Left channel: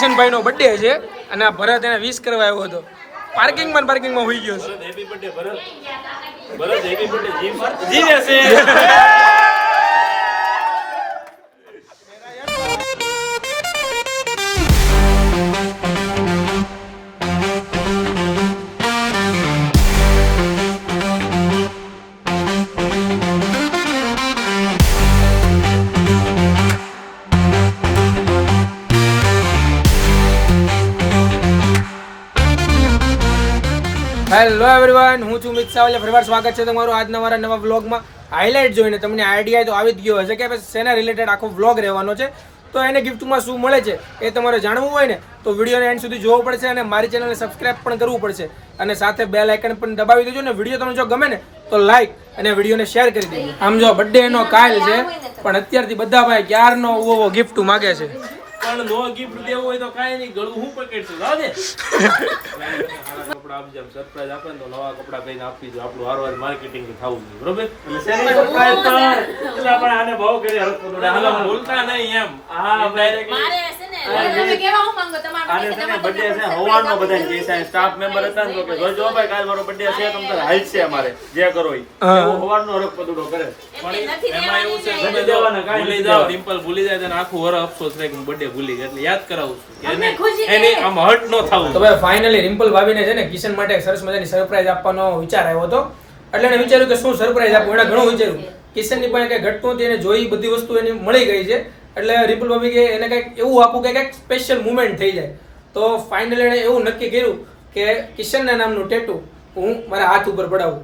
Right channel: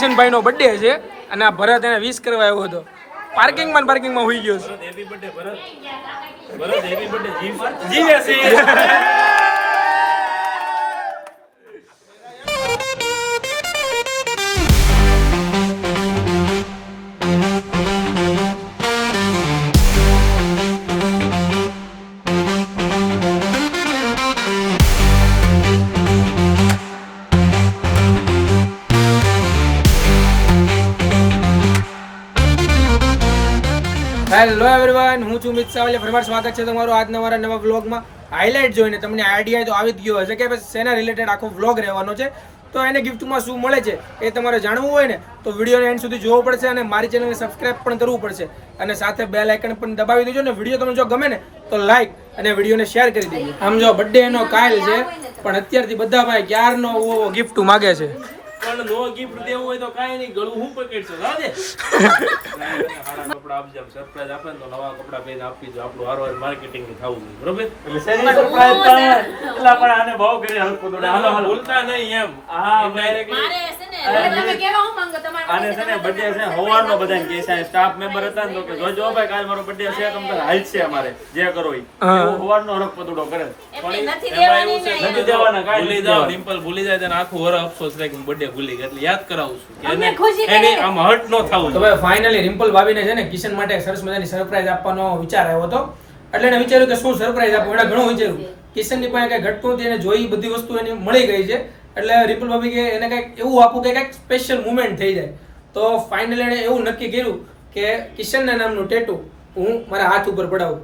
કિશનભાઈનો birthday છે અને આ ભરત એને વિશ કરવા આવ્યો હતો. પાર્કિંગમાં હોઈ ગયો છે. હેપી બર્થડે ભરત. ભરત હેપી બર્થડે જીવે છે. હેલો એવરીવન, હું છું મિત સાવલિયા. ફરીવાર સ્વાગત છે તમારું આજના મારા નવા વ્લોગમાં. હાઇલાઇટ જોઈને તમને આઈડિયા તો આવી જ ગયો હશે કે શેના રિલેટેડ આખો વ્લોગ રહેવાનો છે. તો એને ગિફ્ટમાં શું મળે છે એ તમારે જાણવું હોય ને તો વિડીયોને એન્ડ સુધી જોવો પડશે અને મારી ચેનલને સબસ્ક્રાઇબ પણ કરવું પડશે અને સાથે બેલ આઇકન પણ દબાવી દેજો ને વિડીયો તમને જો ગમે ને તો લાઈક અને વિડીયોને શેર કરી દેજો. આમ જો બર્થડે એનો કાલ છે પણ અત્યારથી બધા ભાઈ ક્યારનો ગિફ્ટ માગે છે. પણ નો ગિફ્ટ દેવું હોય તો કાઈ નહીં, ગળું હું પકડશું. જાવ દે. સારા કપડા આપજો, સરપ્રાઈઝ આપે ને તો નવા કપડા પહેરીને આપી દો. આપણું હારવાર માર્કેટિંગ થવું જોઈએ, બરોબર? એટલે સેના સરપ્રાઈઝ પણ એટલા પણ આને ભાવ કરી હાલ તો હાલો ભૂલતા નહીં એમ. હા મારે છે ને તમે કેવા હું માંગો તમારા આને છે ને બર્થડે છે હવારનો બધાને કે છે સ્ટાફ મેમ્બર હતા ને તો કે જોજો ભાઈ કાલ મારો બર્થડે છે તમ તારે હાલ છે અમારે જે કરો ઈ એવું હવારનો હરખ પદુડો કરે. પણ એમાં એવું છે તમે દેવાના કાઈ ભૂલી જાવ, રિમ્પલ ભૂલી જાય તો આખું વર અફસોસ રહે કે બર્થડે ભૂલી ગઈ. એટલે યાદ કરાવું છું કે એને આમ હર્ટ ન થાવું. તો ભાઈ ફાઇનલી રિમ્પલ ભાભીને છે ને કિશન માટે સરસ મજાની સરપ્રાઈઝ આપવાનો વિચાર આવ્યો હતો. એટલે એને વિચાર્યું કે શું સરપ્રાઈઝ આપું. એને ઘણું વિચાર્યું. કિશનની પણ કઈ ઘટતું હતી, એને જોઈ બધી વસ્તુ એની મળી ગઈ છે. એટલે રિમ્પલ ભાભી કે એને કંઈક એવું આપું કે કંઈક સ્પેશિયલ મુમેન્ટ થઈ જાય. તો ફાઇનલી એને એવું નક્કી કર્યું કે કિશનના નામનું ટેટુ હું મારા હાથ ઉપર પડાવું.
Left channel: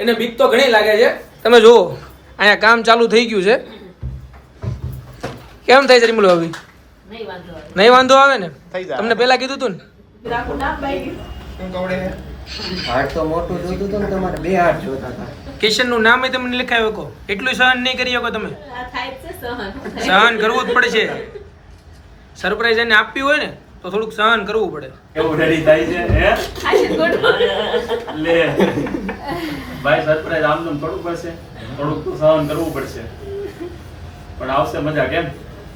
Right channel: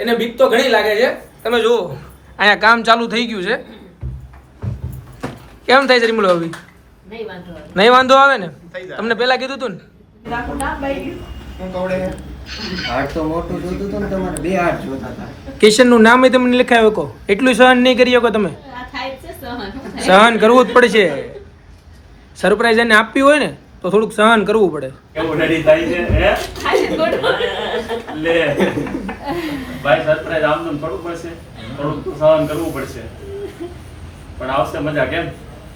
એને બીક તો ઘણી લાગે છે. તમે જુઓ અહીંયા કામ ચાલુ થઈ ગયું છે. કેમ થાય છે રિમ્પલ ભાભી? નહીં વાંધો આવે ને? તમને પેલા કીધું તું ને? કિશન નું નામ તમને લખાયો કહો. એટલું સહન નહીં કરી શકો તમે? સહન કરવું જ પડશે. સરપ્રાઈઝ એને આપવી હોય ને તો થોડુંક સહન કરવું પડે. એવું ડરી થાય છે હે લે ભાઈ સરપ્રાઈઝ આમનું થોડું પડશે, થોડુંક સહન કરવું પડશે પણ આવશે મજા. કેમ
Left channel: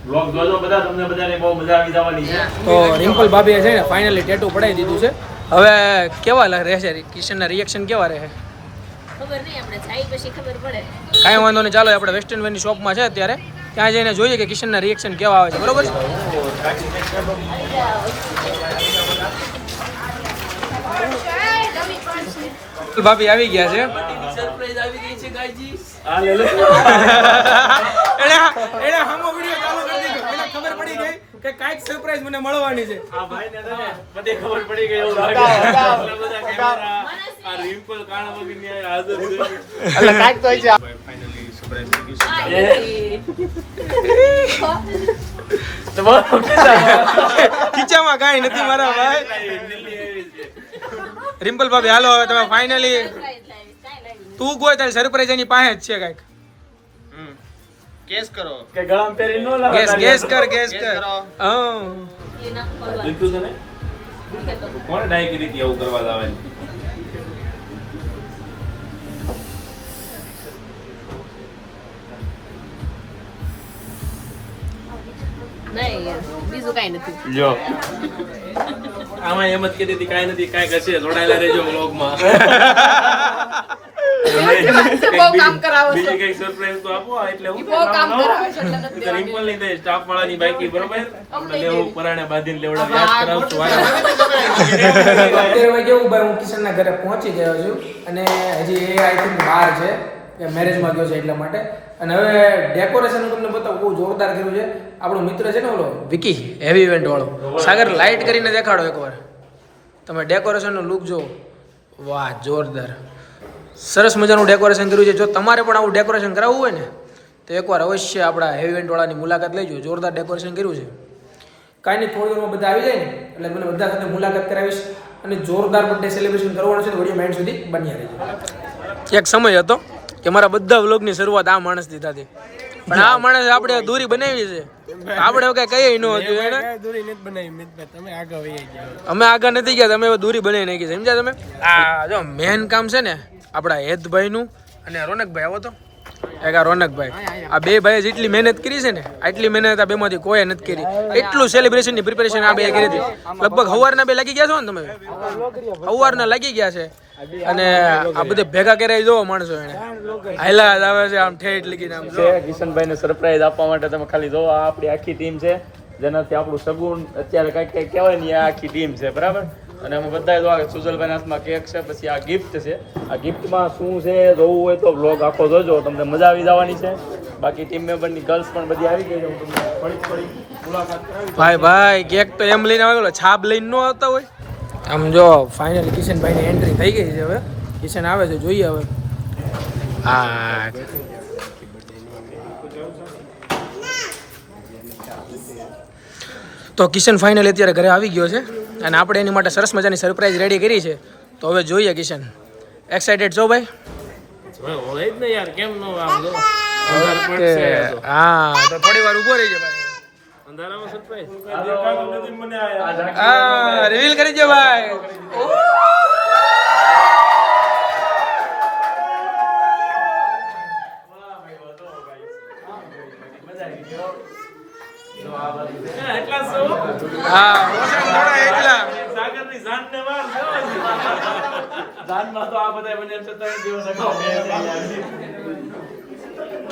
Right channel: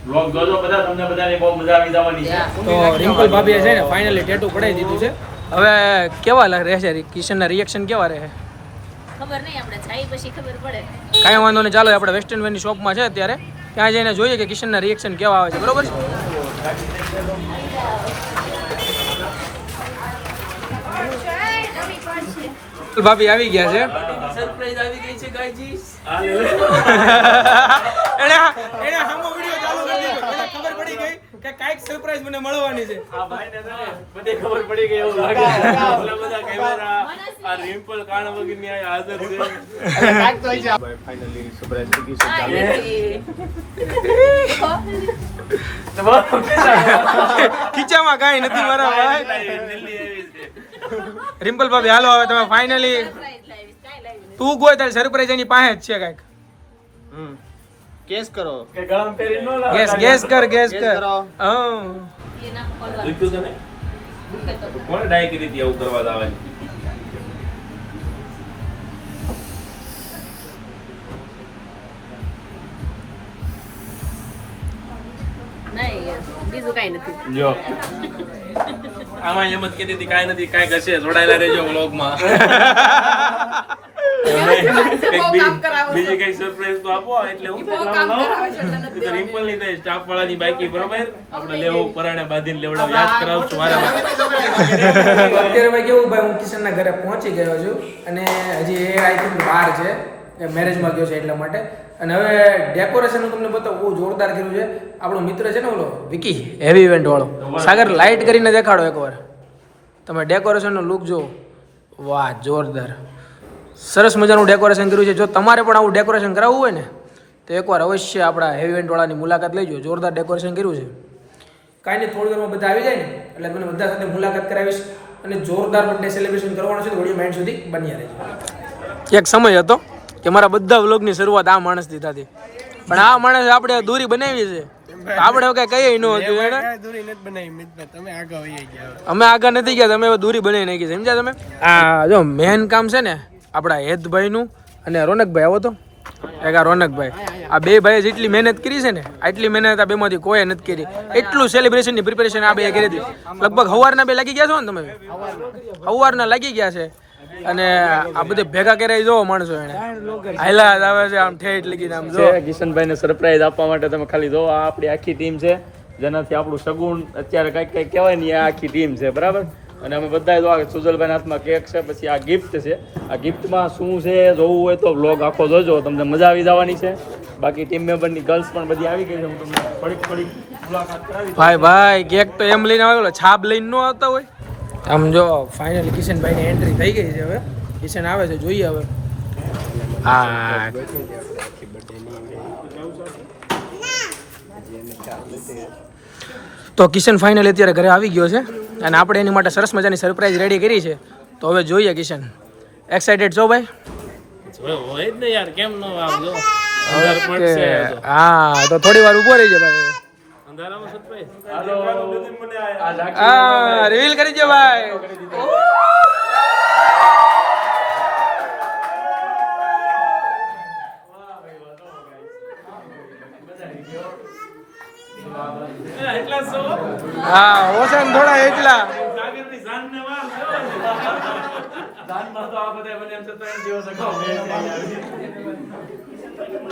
વ્લોગ જોજો બધા, તમને બધાને બહુ મજા આવી જવાની છે. તો રિમ્પલ ભાભીએ છે ને ફાઇનલી ટેટુ પડાવી દીધું છે. હવે કેવા રહેશે કિશનના રિએક્શન કેવા રહે ખબર નહીં, આપણે જાય પછી ખબર પડે. કાંઈ વાંધો નહીં, ચાલો આપણે વેસ્ટર્ન વેરની શોપમાં છે અત્યારે, ત્યાં જઈને જોઈએ કે કિશનના રિએક્શન કેવા આવે છે. બરોબર છે? ભાભી આવી ગયા છે. સરપ્રાઈઝ આવી ગઈ છે ગાયજી. એને હામો વિડિયો ચાલુ કરી દીધો. એને ખબર પડી ગઈ કે કાઈક સરપ્રાઈઝ મને મળવાની છે. આ ભાઈને છે ને બધી ખબર પડી ગઈ એવું લાગે. બધા કેમેરા આ રિમ્પલ કાણા વગરની આ હાજર છે. કાઈક તો છે. ફાઇનલી સરપ્રાઈઝ થઈ ગયું છે. ખીચામાં કાંઈ નથી મારા ભાઈ. રિમ્પલ ભાભી હાલો હવે તમે ફાઇનલી તું ગોય તારી સરપ્રાઈઝ એની પાસે જ છે કાંઈક. ગેસ કરો કે ગળામાં પહેરી ન લાગે. ગેસ કર. હા દીકું તને કોણ ડાય કરી હતી આવું કરવા લાવવાની? બીજું કઈ નથી. જો આમાં એમ જ કીધી હતી કાંઈ નથી, કાંઈક હશે. જોડાયેલા રહેજો વ્લોગમાં. બીજી કઈ સરપ્રાઈઝ તો આપો. એટલે હું રિમ્પલ ની થાય સ્ટાફ વાળાની બાઈકી બરોબર આપણે લેવું પરાણે બાંધીને લેવડાવ યાદ કરાવશું વારા. અત્યારે ભાઈ કેવું ભાઈ, હું કિશનના ઘરે પહોંચી ગયો છું અને હજી એ આઈ થિંક બહાર છે કે મેરેજમાં ગયો છે એટલા માટે. અને હવે ડેકોરેશન હું તમને બતાવું, બહુ જોરદાર કર્યું છે. આપણો મિત્ર છે ને ઓલો વિકી, હેવી ઇવેન્ટ વાળો. સાગર લાઇટ કરીને દેખાડો એકવાર. તમે ડેકોરેશનનો લુક જો, વાહ જોરદાર. સરસ મજાનું ડેકોરેશન કર્યું છે. જો તમારે પણ આવું ડેકોરેશન કરાવવું હોય ને તો એકવાર અવશ્ય આપણા હેવી ઇવેન્ટ વાળાની મુલાકાત લેજો. જોરદાર ડેકોરેશન કર્યું છે. કાંઈ નહીં, થોડી વારમાં બધા આવી જાય ને એટલે મને બધા સાથે મુલાકાત કરાવીશ અને જોરદાર બર્થડે સેલિબ્રેશન કરવાનું છે. તો વિડીયો માઇન્ડ સુધી બન્યા રહેજો. એક સમય હતો કે મારા બધા વ્લોગની શરૂઆત આ માણસથી થતી, પણ આ માણસ આપણે દૂરી બનાવી છે. આપણે કઈ કઈ ન હતું એને દૂરી નથી બનાવી. તમે આગળ વહી ગયા, અમે આગળ નથી ગયા, તમે દૂરી બનાવી નાખી. સમજ્યા તમે? આ જો મેન કામ છે ને આપણા હેતભાઈ નું અને રોનકભાઈ આવો તો એક આ રોનકભાઈ. આ બે ભાઈએ જેટલી મહેનત કરી છે ને આટલી મહેનત આ બેમાંથી કોઈ નથી કરી. એટલું સેલિબ્રેશનની પ્રિપેરેશન આ બે કરી હતી. લગભગ સવારના બે લાગી ગયા છો ને તમે? સવારના લાગી ગયા છે. અને આ બધે ભેગા કર્યા જોવો માણસો એને હાલા આવે છે આમ ઠેઠ લગીને આમ જો. કિશનભાઈને સરપ્રાઈઝ આપવા માટે તમે ખાલી જો આ આપણી આખી ટીમ છે જેનાથી આપણું સગુન અત્યારે કઈ કહેવાય ને આ આખી ટીમ છે બરાબર. અને અમે બધા જો સુજલભાઈ હાથમાં કેક છે, પછી આ ગિફ્ટ છે. આ ગિફ્ટમાં શું છે જોવું હોય તો વ્લોગ આખો જોજો, તમને મજા આવી જવાની છે. બાકી ટીમ મેમ્બરની ગર્લ્સ પણ બધી આવી ગઈ છે. ભાઈ કેક તો એમ લઈને આવેલો, છાપ લઈને ન આવતા હોય. આમ જો ફાઇનલી કિશનભાઈની એન્ટ્રી થઈ ગઈ છે. હવે કિશન આવે છે, જોઈએ હવે. હા તો કિશન ફાઇનલી અત્યારે ઘરે આવી ગયો છે અને આપણે એની માટે સરસ મજાની સરપ્રાઈઝ રેડી કરી છે. તો હવે જોઈએ કિશન. એક્સાઇટેડ છો ભાઈ? હોય જ ને યાર, કેમ ન આમ જો ઓકે હા તો થોડી વાર ઊભો રહીજો ભાઈ. અંધારામાં સરપ્રાઈઝ હા રિવીલ કરી દો ભાઈ. એટલા સો હા ઓછા થોડા એટલા. સાગરની જાનને વાર જાનમાં તો આ બધા મને 27 દિવસ અગાઉ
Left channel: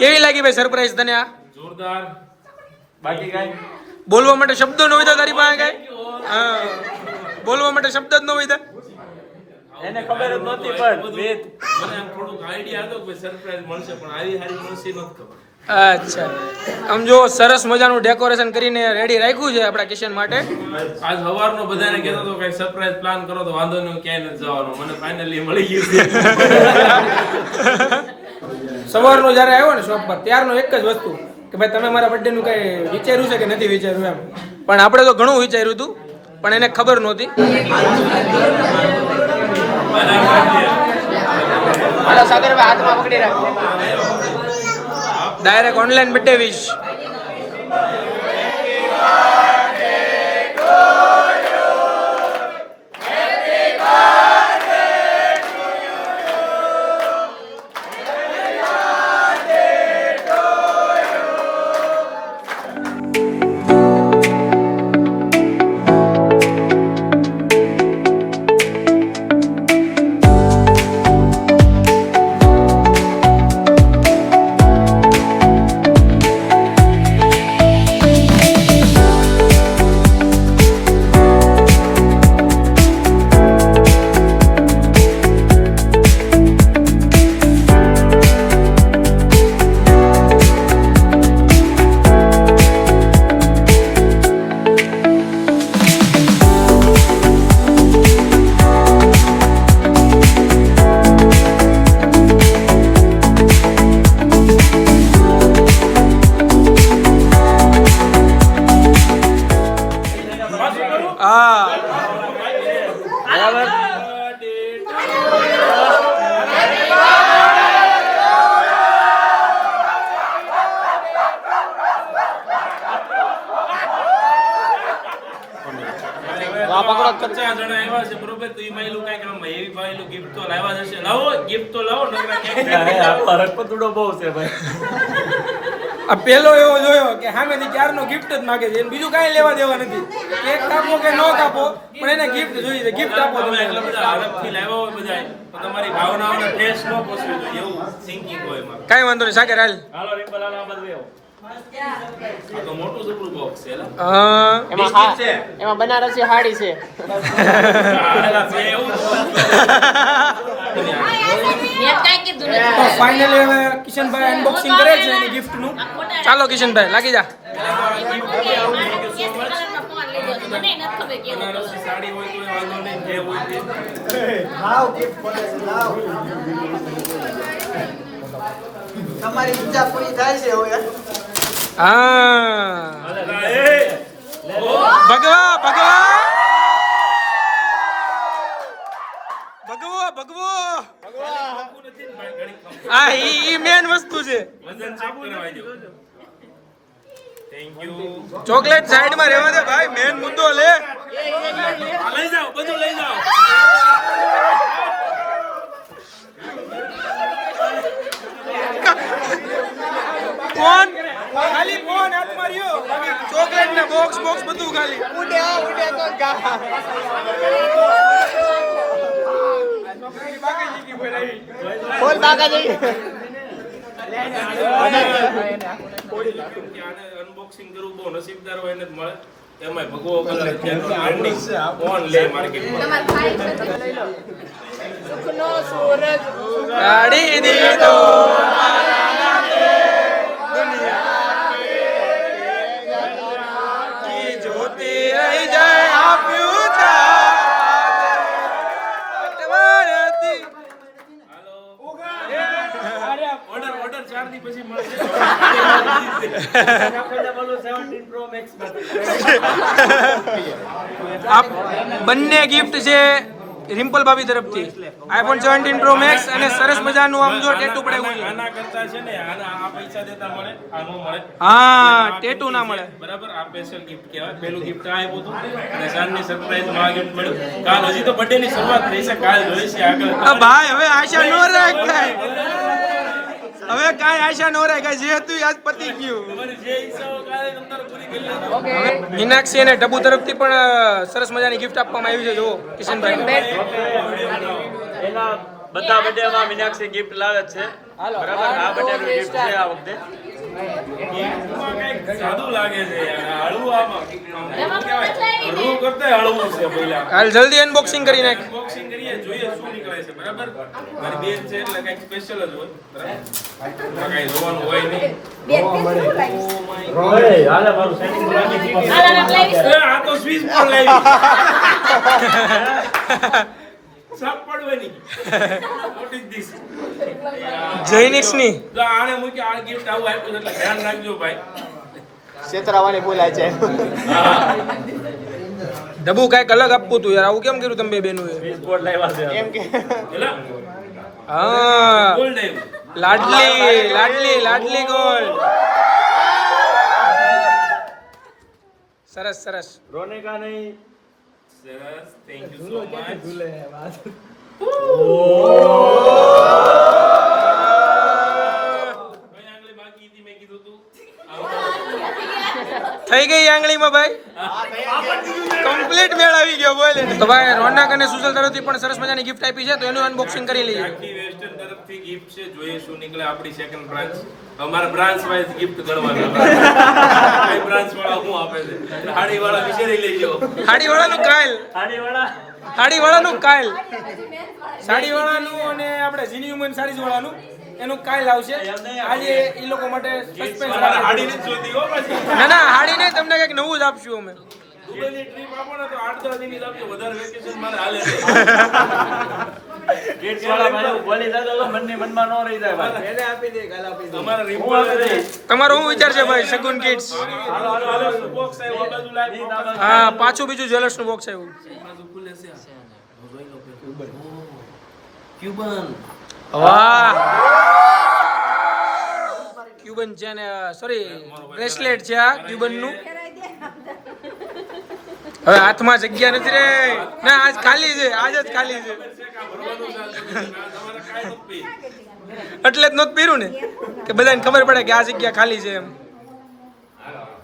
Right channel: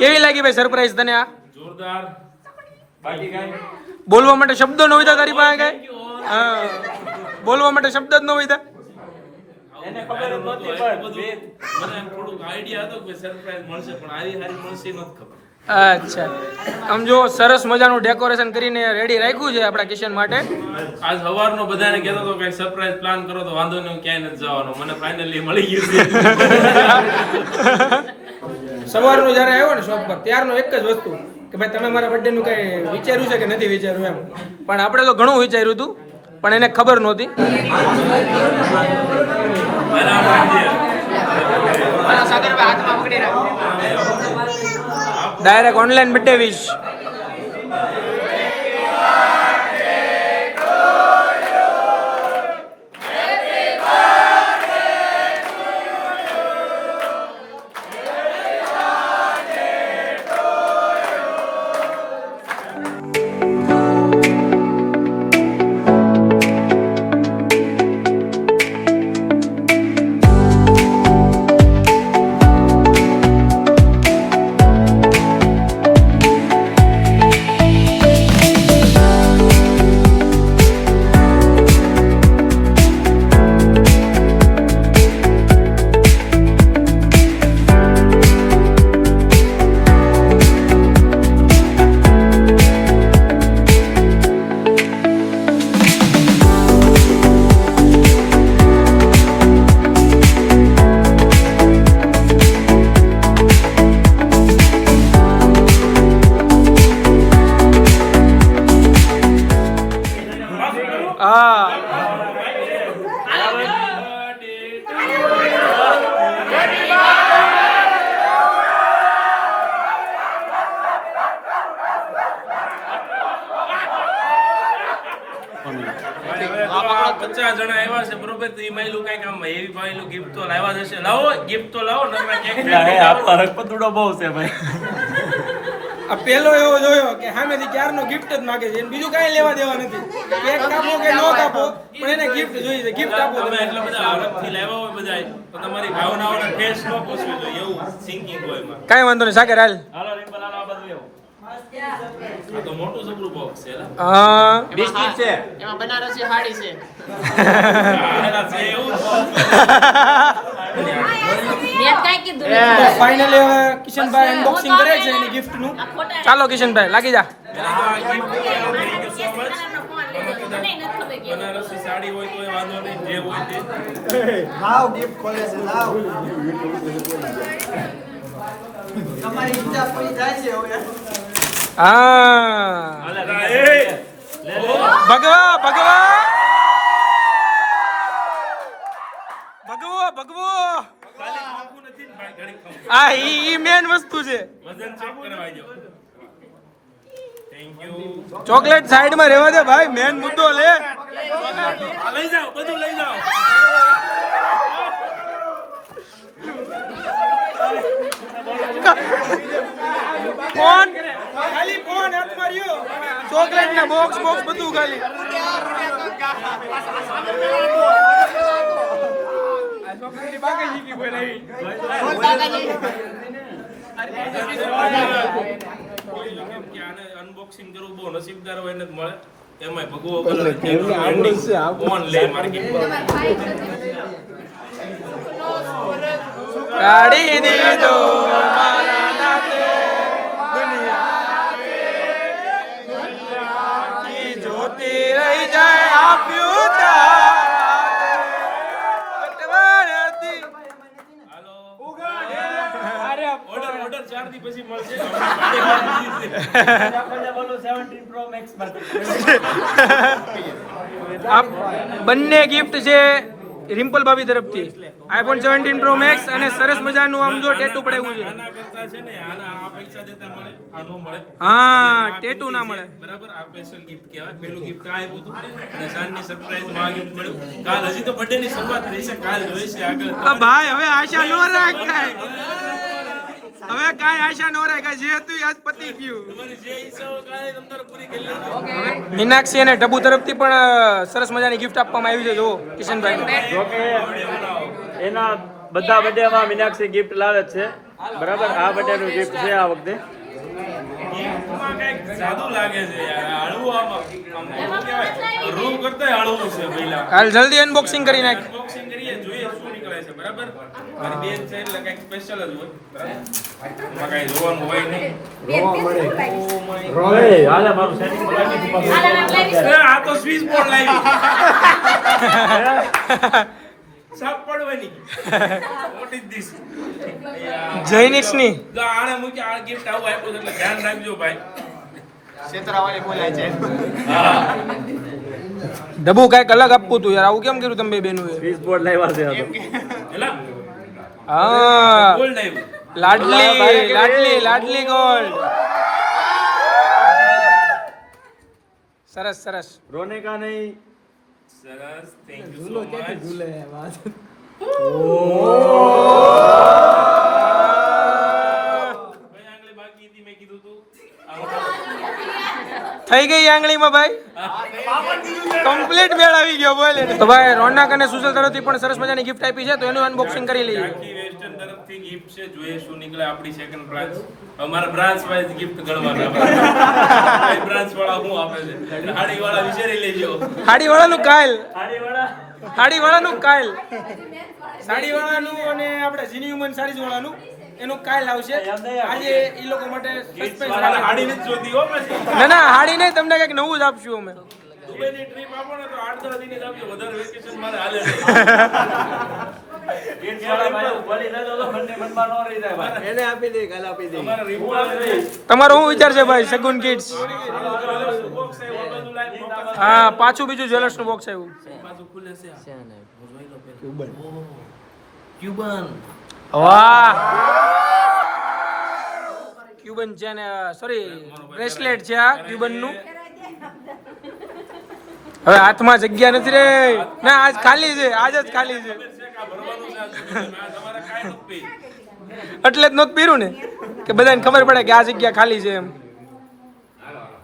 કેવી લાગી ભાઈ સરપ્રાઈઝ તને? આ જોરદાર. બાકી કઈ બોલવા માટે શબ્દો ન હોય તારી પાસે કઈ? હા બોલવા માટે શબ્દ જ ન હોય. એને ખબર નહોતી પણ મને આમ થોડુંક આઈડિયા હતો કે સરપ્રાઈઝ મળશે, પણ આવી હારી મળશે નહોતી ખબર. અચ્છા આમ જો સરસ મજાનું ડેકોરેશન કરીને રેડી રાખ્યું છે આપણા કિશન માટે. આજ સવારનો બધાને કહેતો હતો કે સરપ્રાઈઝ પ્લાન કરો તો વાંધો નહીં, હું ક્યાંય નથી જવાનો. મને ફાઇનલી મળી ગયું છે. સવારનો જ્યારે આવ્યો ને શોપ પર ત્યારનો એક જ વસ્તુ કે ભાઈ તમે મારા બર્થડે નું કઈ વિચાર્યું છે કે નથી વિચાર્યું એમ. પણ આપણે તો ઘણું વિચાર્યું હતું પણ એને ખબર નહોતી. Direct online birthday wish. પચાસ જણા આવ્યા છે બરોબર, તો એ માયલું કઈક આમ એવી માયલું ગિફ્ટ તો લાવવા જ હશે. લાવો ગિફ્ટ તો લાવો, નકરા કેક રકપતડો બહુ છે ભાઈ. આ પેલો એવો જોયો કે સામેથી ક્યારનો ગિફ્ટ જ માંગે છે, બીજું કાંઈ લેવા દેવા નથી. કેક કાપો કે ન કાપો પણ એને ગિફ્ટ જોઈએ છે. ગિફ્ટ આપો તમે એટલા બધા હરખથી લાવ્યા હોય બધા, તો તમારી ભાવનાઓને ઠેસ ન પહોંચવી જોઈએ એવું થિંકિંગ હોય એમાં. કાંઈ વાંધો નહીં સાગર હાલ. હાલો રિંકલ હાલો આ બધું એવું. આ તો મોટું જબરું બોક્સ છે એલા. એમાં બનારસી સાડી છે. આલા છે એવું જ. મેં કાંઈ કીધું તો નહીં. ફાઇનલી હવે કિશનભાઈ અનબોક્સિંગ કરે છે એની ગિફ્ટ નું. ચાલો કિશનભાઈ લાગી જા. પેલા તો આ gift કરી આવો. Thank you so much. મને નથી ખબર કેવું. બનારસી સાડી હોય તો વાંધો નહીં, જે હોય તે. તમારી ઈચ્છા પૂરી થાય છે હવે. હા ભગવા ભગવા ભગવો ભગવો ખાલી ખોખું નથી ને ભાઈ, ઘણી ખોખું. આ ઈ મેન વસ્તુ છે. વજન ચેક કરવા જો. Thank you. ચોકલેટ સાઈડ માં રહેવા દે ભાઈ, મેન મુદ્દો લે. આ લઈ જાઓ, બધું લઈ જાઓ. ફોન ખાલી ફોન હાથ માર્યો ચોકલેટ ના બોક્સ બધું ખાલી અનબોક્સિંગ કરવું બહુ નસીબદાર હોય ને મળે એમાં ભગવો કલર ટ્રેન્ડિંગ ઓન લે માર્કેટમાં કાઢી દીધો મારા નાતે દુનિયા કી જોતી રહી જાય આપ્યું તારા કટવારતી ઓર્ડર 4 દી પછી મળશે આ બંને ગિફ્ટ છે રિમ્પલ ભાભી તરફથી આઈફોન 17 પ્રો મેક્સ અને સરસ મજાનું આમ જો ટેટુ પડાવ્યું છે આના કરતા છે ને આના આ પૈસા દેતા મળે આ નો મળે હા ટેટુ ના મળે બરાબર આ સ્પેશિયલ ગિફ્ટ કહેવાય પેલું ગિફ્ટ આ આપ્યું હતું અને સાંજની સરપ્રાઈઝ માં આ ગિફ્ટ મળ્યું કાલ હજી તો બર્થડે ની શરૂઆત થઈ છે કાલ જોઈએ છે આગળ ભાઈ હવે આશા નો રાખાય હવે કાંઈ આશા નો રાખાય જે હતું આજ પતી ગયું તમારી જે ઈચ્છા હોય કાલે તમારે પૂરી કરી લેજો હવે મીનાક્ષી અને ટબુ તરફથી પણ સરસ મજાની ગિફ્ટ આપવામાં આવી છે જો કિશનભાઈ એના બધા બર્થડેમાં મીનાક્ષી ગિફ્ટ લાવે છે બરાબર આ બર્થડેનું ગિફ્ટ છે આ વખતે ગિફ્ટમાં કંઈક સાદું લાગે છે યાર હળવું આમાં આમ કહેવાય રૂ કરતા હળવું છે પહેલા કાલ જલ્દી અનબોક્સિંગ કરી નાખ અનબોક્સિંગ કરીએ જોઈએ શું નીકળે છે બરાબર મારી બેન છે એટલે કંઈક સ્પેશિયલ જ હોય બરાબર એમાં કંઈ જોવાનું હોય નહીં આ તો સ્વિચ બોર્ડ લાવી સાપ પડવાની મોટી જ દીશ જૈનિક્સ ની જો આને મૂકી આ ગિફ્ટ આવું આપ્યું છે એટલે ધ્યાન રાખજો ભાઈ છેતરાવાની બોલાય છે ડબુ કાંઈક અલગ આપવું તું યાર આવું કેમ કર્યું તમે બે બેનું એ બોર્ડ લાવ્યા છે એલા હા ગોલ્ડ આવ્યું લાડલી ગોલ્ડ સરસ સરસ રોનિકા નહીં સરસ થેન્ક યુ સો મચ કઈ આંગળી બાકી હતી મેં કીધું તું થઈ ગઈ આંગળીમાં ભાઈ કમ્પ્લીટ મેળ આવી ગયો બોલે તો ભાઈ રોનક અને સુશલ તરફથી પણ સરસ મજાની ગિફ્ટ આપી છે તો એનું અનબોક્સિંગ કરી લઈએ આખી વેસ્ટર્ન તરફથી ગિફ્ટ છે જોઈએ શું નીકળે આપણી સેકન્ડ બ્રાન્ચ અમારા બ્રાન્ચ વાઇઝ ગિફ્ટ ગણવાના કઈ બ્રાન્ચ વાળા શું આપે છે હાડી વાળા વિચારી લેજો હાડી વાળાનું કાયલ અને આપણે જીની હ્યુમન સારીઝ વાળાનું એનું કાયલ આવશે આજે એ લોકો માટે સસ્પેન્સ અમારે હાડી નથી જોતી હો પછી ના હાડી નહીં તમને કંઈક નવું જ આપશું અમે દુબઈની ટ્રીપ આપો ને તો 8-10 દિન જ આપજો વધારે વેકેશન મારે હાલે તમારો શું વિચાર છે ભાઈ સગુન કિડ્સ હા પાછું બીજું જ્વેલર્સ નું બોક્સ આવ્યું વાહ ક્યુબન છે ને સોરી બ્રેસલેટ છે આ ક્યુબન નું હવે હાથમાં જગ્યા નથી રે ના આજ ખાલી છે આજ જ ખાલી છે એટલે જ નહોતું પહેર્યું ને કે બધાને ખબર પડે કે આ જગ્યા ખાલી છે એમ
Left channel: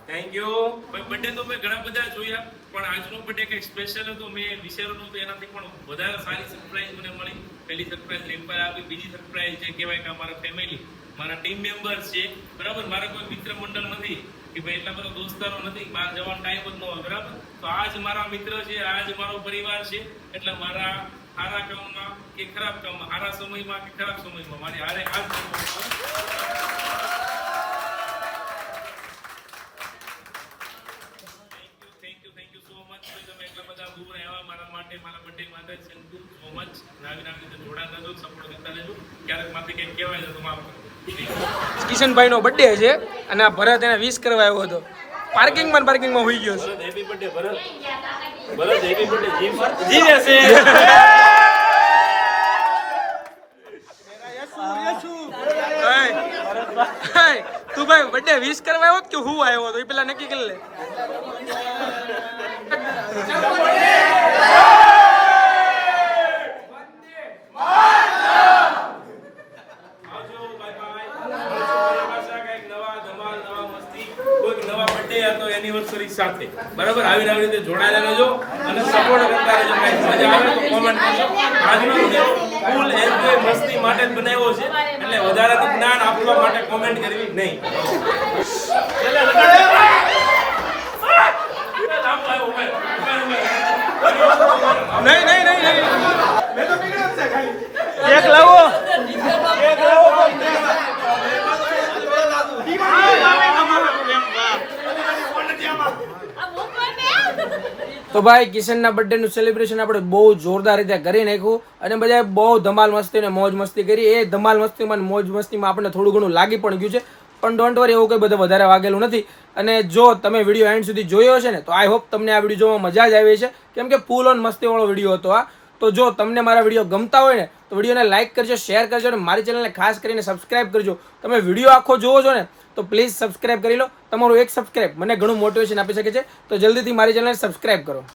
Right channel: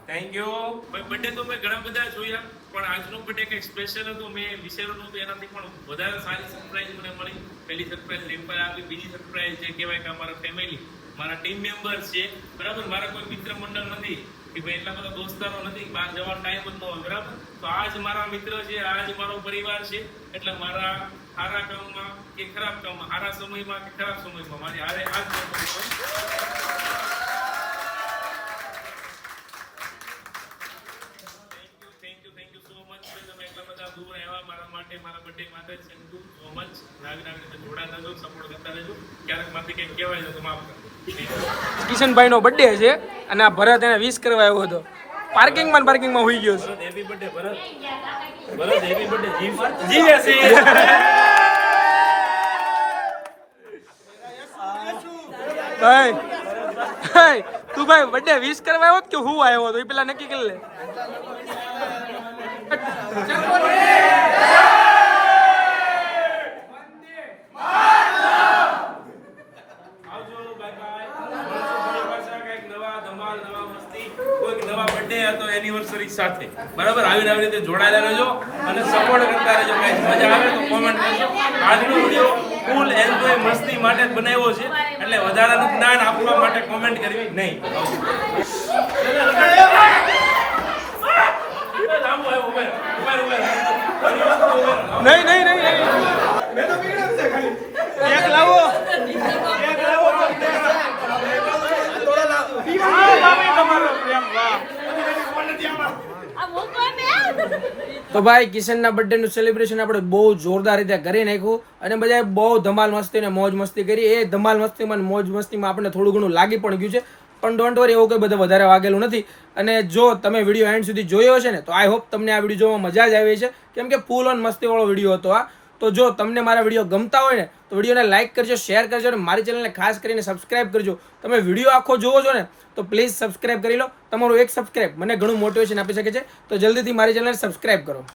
થેન્ક યુ ભાઈ બર્થડે તો મેં ઘણા બધા જોયા પણ આજનો બર્થડે કંઈક સ્પેશિયલ હતો મેં વિચાર્યું નહોતું એનાથી પણ વધારે સારી સરપ્રાઈઝ મને મળી પહેલી સરપ્રાઈઝ રિમ્પલ આપી બીજી સરપ્રાઈઝ જે કહેવાય કે અમારા ફેમિલી મારા ટીમ મેમ્બર્સ છે બરાબર મારા કોઈ મિત્ર મંડળ નથી કે ભાઈ એટલા બધા દોસ્તારો નથી બહાર જવાનો ટાઈમ જ ન હોય બરાબર તો આજ મારા મિત્ર છે આજ મારો પરિવાર છે એટલે મારા સારા કામમાં કે ખરાબ કામમાં સારા સમયમાં કે ખરાબ સમયમાં મારી હારે આજ થેન્ક યુ સો મચ તમે એટલા બધા દૂર આવ્યા મારા માટે મારા બર્થડે માટે થેન્ક યુ સો મચ નાવી રીતે જોડાતા રહેજો સપોર્ટ કરતા રહેજો ક્યારેક માંથી કંઈક કહેવાય તો માફ કરો કિશનભાઈ નો બર્થડે છે અને આ ભરત એને વિશ કરવા આવ્યો હતો પાર્કિંગમાં હોઈ ગયો છે હેપી બર્થડે ભરત હેપી બર્થડે જીવે છે તું ભાઈ બર્થડે વિશ કરવા આવ્યો કે હું આવ્યો હતો એ પેલા નક્કી કરી લે આવજો બાય બાય ધમાલ, નવા મસ્તી, કોઈક નવા બર્થડે હતો એનિવર્સરી સાથે બરાબર આવી રીતે જોડાયેલા રહેજો અને સપોર્ટ કરતા રહેજો. કાંઈ મજા આવે તો કોમેન્ટ કરજો. આજનો વિડીયો ફૂલ એન્જોય મસ્તી માટે જ બનાવ્યો છે એટલે વધારાનું જ્ઞાન આપવા માટે કોમેન્ટ કરવી નહીં. નહીં નહીં નહીં નહીં એક લાવો તો ભાઈ કિશનના બર્થડેનું સેલિબ્રેશન આપણે બહુ જોરદાર રીતે કરી નાખ્યું અને બધાએ બહુ ધમાલ મસ્તી અને મોજ મસ્તી કરી. એ ધમાલ મસ્તીમાં અને મોજ મસ્તીમાં આપણને થોડું ઘણું લાગી પણ ગયું છે, પણ ડોન્ટ વરી, એવું કંઈ બધું વધારે વાગેલું નથી. અને જો તમે વિડીયો એન્ડ સુધી જોયો હશે ને તો આઈ હોપ તમને આ વિડીયો જોવામાં મજા જ આવી છે, કેમ કે ફૂલ ઓન મસ્તીવાળો વિડીયો હતો આ. તો જો તમને મારા વિડીયો ગમતા હોય ને તો વિડીયોને લાઇક કરજો, શેર કરજો અને મારી ચેનલને ખાસ કરીને સબસ્ક્રાઇબ કરજો. તમે વિડીયો આખો જોવો છો ને તો પ્લીઝ સબસ્ક્રાઇબ કરી લો. તમારું એક સબસ્ક્રાઇબ મને ઘણું મોટિવેશન આપી શકે છે, તો જલ્દીથી મારી ચેનલને સબસ્ક્રાઇબ કરો.